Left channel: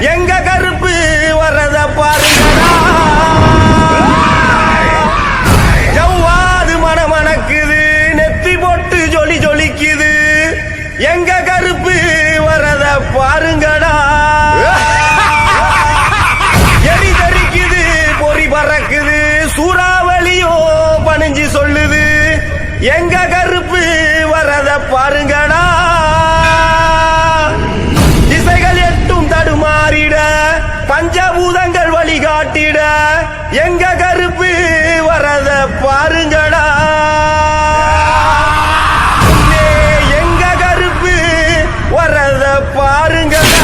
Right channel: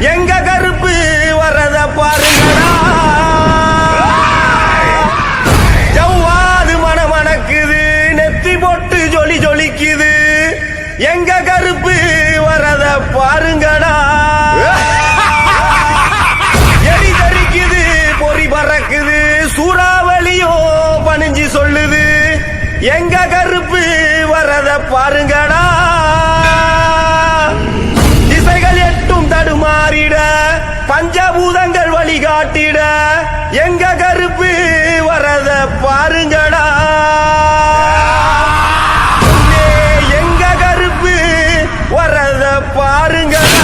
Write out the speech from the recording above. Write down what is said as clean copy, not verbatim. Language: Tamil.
எங்க கருப்பு வரத பாருங்கடா. ஜவ்வாது மணமணக்குது, நெத்தி போட்டு ஜொலி ஜொலிக்குது. எங்க கருப்பு வரத பாருங்கடா. எரி தரிக்குது, பொறி பறக்குது, சூறாவளியோ பணிஞ்சு சொல்லுது. எங்க கருப்பு வரத பாருங்கடா. திசைகள் எட்டும் தடுமாறிட, பஞ்சபூதங்கள் வழிகாட்டிட. எங்க கருப்பு வரத பாருங்கடா. எங்க கருப்பு வரத பாருங்கடா.